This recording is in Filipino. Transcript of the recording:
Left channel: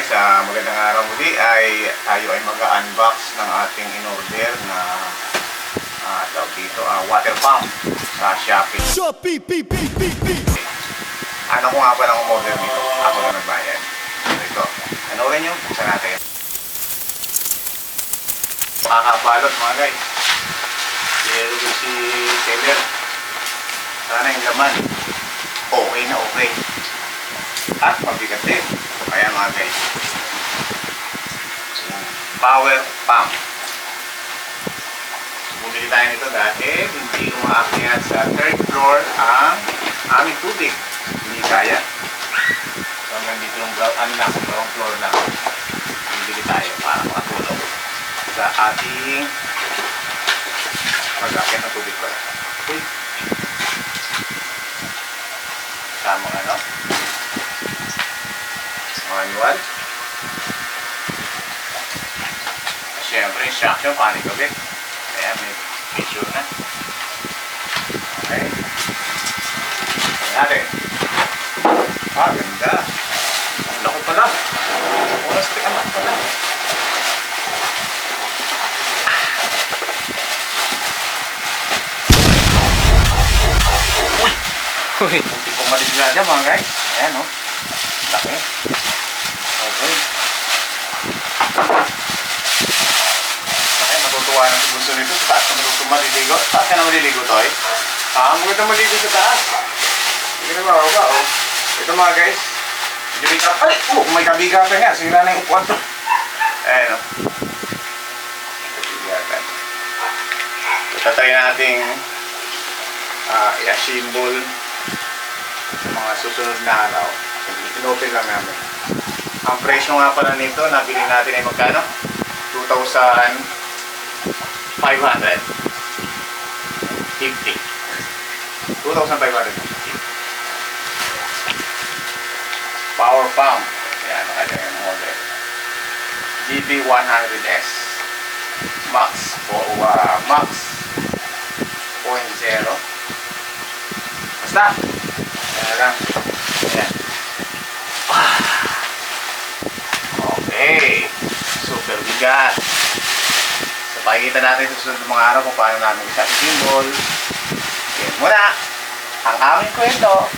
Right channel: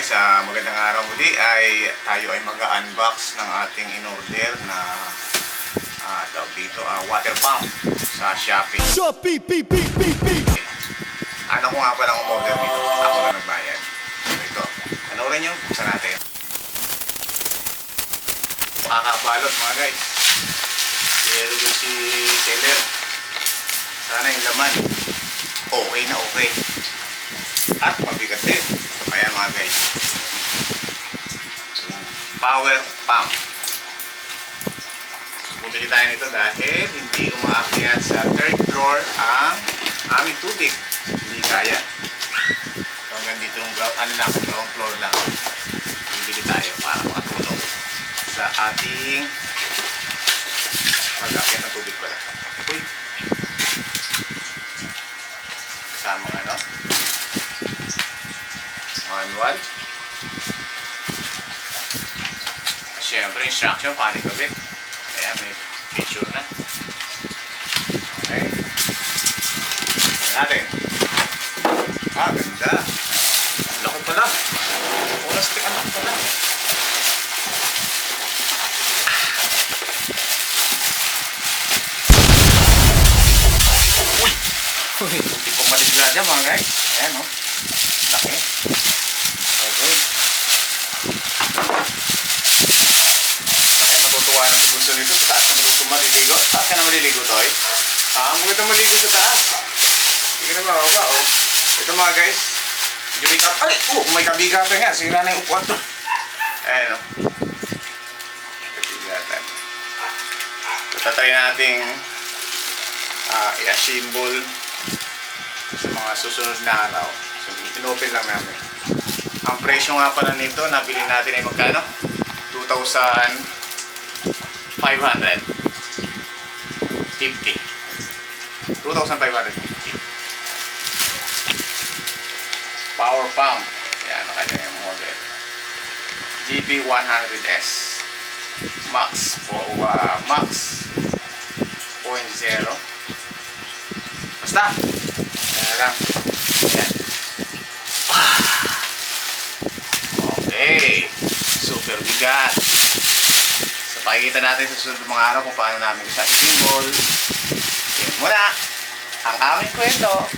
guys, magandang araw muli ay tayo ay mag-unbox ng ating in-order na tawag dito, water pump sa Shopee. Ano ko nga pala ang order nito? Ako na nagbayad. Ito, ano rin yung buksan natin. Makakabalot mga guys. Pero yung si seller, sana yung laman okay na okay. At mabigat din. Kaya mga guys, power pump. Bumili tayo nito dahil hindi umaakyat sa third floor ang aming tubig. Hindi kaya. So hanggang dito yung ground floor lang. Bumili tayo para makatulong sa ating mag-akyat ng tubig pala. Uy! Tamang ano? Manual. Siyempre, instruction, paano gabi. Kaya may picture na. Okay. Tignan natin. Ganda. Ang laki pala. Oras ka anak pala. Uy! Uy! Hindi ko maligla dyan mga guys. Ayan o. Laki. Okay. Okay, matutuwa ng bunso nito. Sa taas na maliligo. Sa taas ka na maliligo, Toy. Maganda maligo sa taas. Hindi ka na mababa, oh. Ito mga guys. Medyo up. Ay! May kabigatan nga. Sira na yung upuan to. Ayan, oh. Kabigatan. Tatry nating i-assemble sa mga susunod na araw. So, inopen lang namin. Ang presyo nga pala nito, nabili natin ay magkano? 2,550. 2,550. Power pump. Yan, nakanya yung model. GB100S. Max 0.0. Basta. Ayan lang. Ayan. Okay. Super bigat. So, pakikita natin sa susunod mga araw kung paano namin isa-assemble. Yan muna ang aming kwento